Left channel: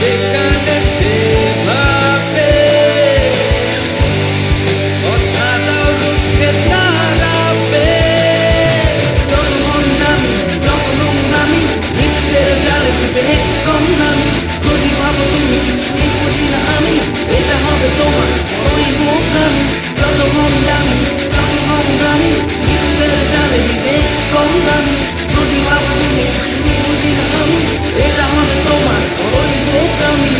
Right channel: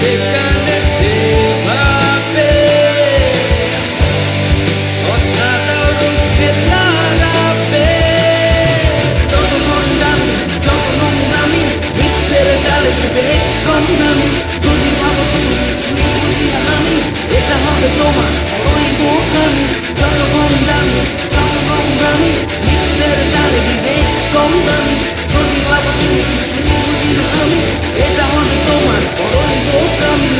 যেখানে যেভাবে কথা দাও রুখে দাঁড়াবে। যত ভণ্ডামি, যত নোংরামি, মিথ্যের জালে বিবেক কম দামি। যদি ভাবো তুমি কিছুই বুঝি না আমি, এটা হবে তোমার বড়ই বোকামি। যত ভণ্ডামি, যত নোংরামি, মিথ্যের জালে বিবেক কম দামি। যদি ভাবো তুমি কিছুই বুঝি না আমি, এটা হবে তোমার বড়ই বোকামি।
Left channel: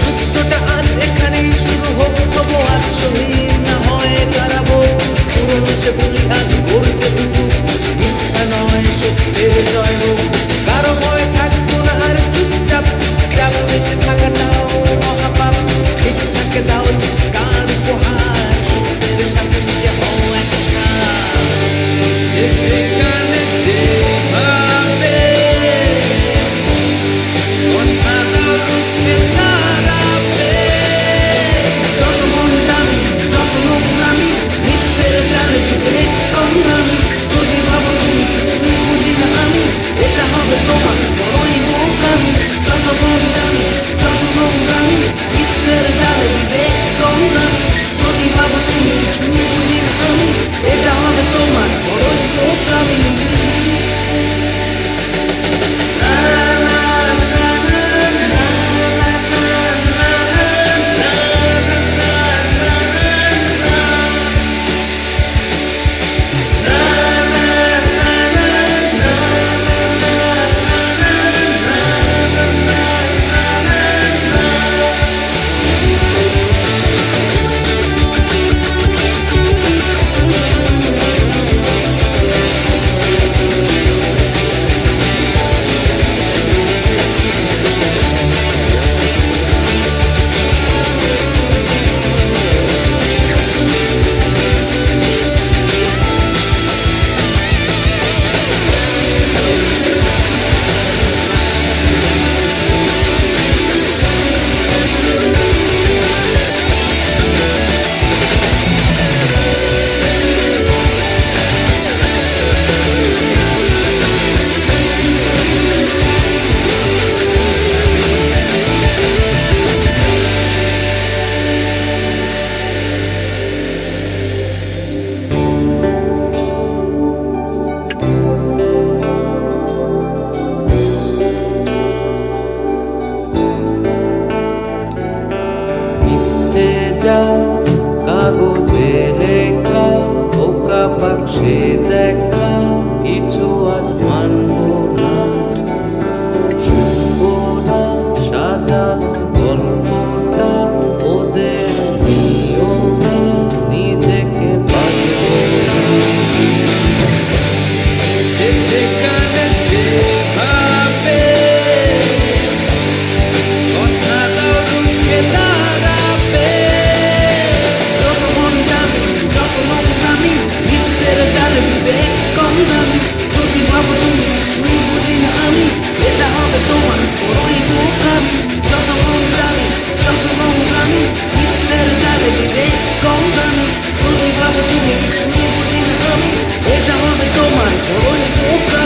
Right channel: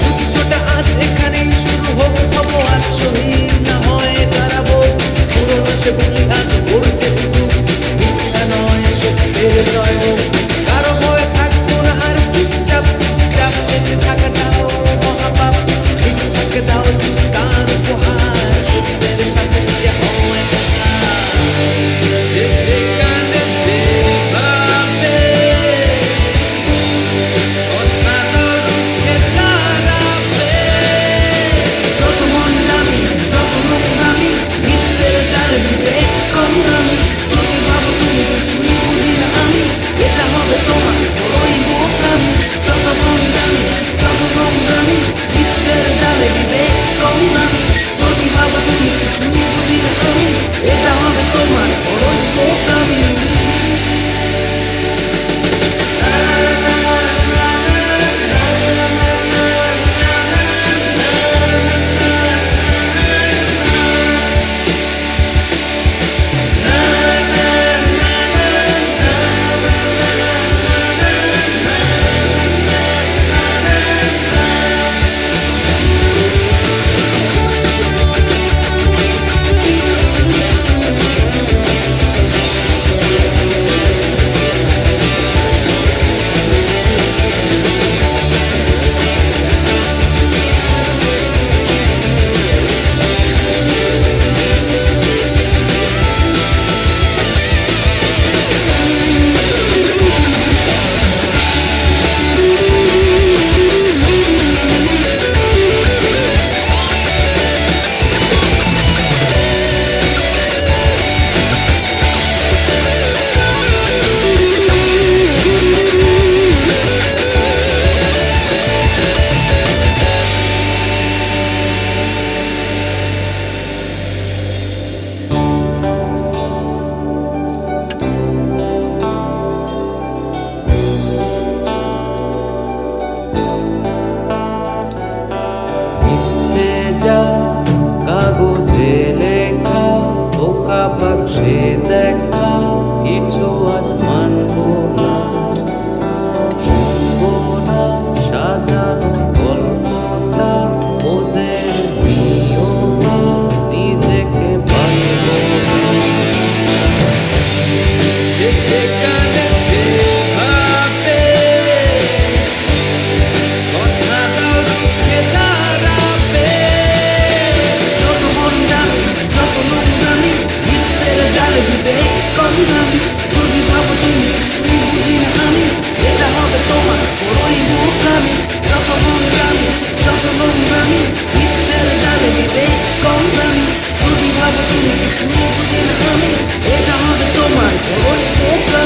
যুদ্ধটা আজ এখানেই শুরু হোক, হবো আজ শহীদ না হয় কারাবো। পুরনো সে বলি আজ গর্জে উঠুক, মিথ্যা নয় সত্যের জয় হোক। কারো ভয় থাকবো না আর চুপচাপ চুপচাপ বেঁচে থাকাটাও মহাপাপ। মিথ্যাকে দাও চিৎকার উপহার, সত্যের সাথে মিশে হও একটা। যে যেখানে যেভাবে কথা দাও রুখে দাঁড়াবে। যত ভণ্ডামি, যত নোংরামি, মিথ্যের জালে বিবেক কম দামি। যদি ভাবো তুমি কিছুই বুঝি না আমি, এটা হবে তোমার বড়ই বোকামি। যত ভণ্ডামি, যত নোংরামি, মিথ্যের জালে বিবেক কম দামি। যদি ভাবো তুমি কিছুই বুঝি না আমি, এটা হবে তোমার বড়ই বোকামি। মিথ্যে যা কাগজে লেখা, বোকা বাক্সে দেখা, কিছু আজ মানবো না। শুনবো না সাজানো গল্পটা, ওদের নিয়মে নিজেকে বাঁধবো না। যে যেখানে যেভাবে কথা দাও রুখে দাঁড়াবে। যত ভণ্ডামি, যত নোংরামি, মিথ্যের জালে বিবেক কম দামি। যদি ভাবো তুমি কিছুই বুঝি না আমি, এটা হবে তোমার বড়ই বোকামি। যত ভণ্ডামি, যত নোংরামি, মিথ্যের জালে বিবেক কম দামি। যদি ভাবো তুমি কিছুই বুঝি না আমি, এটা হবে তোমার বড়ই বোকামি।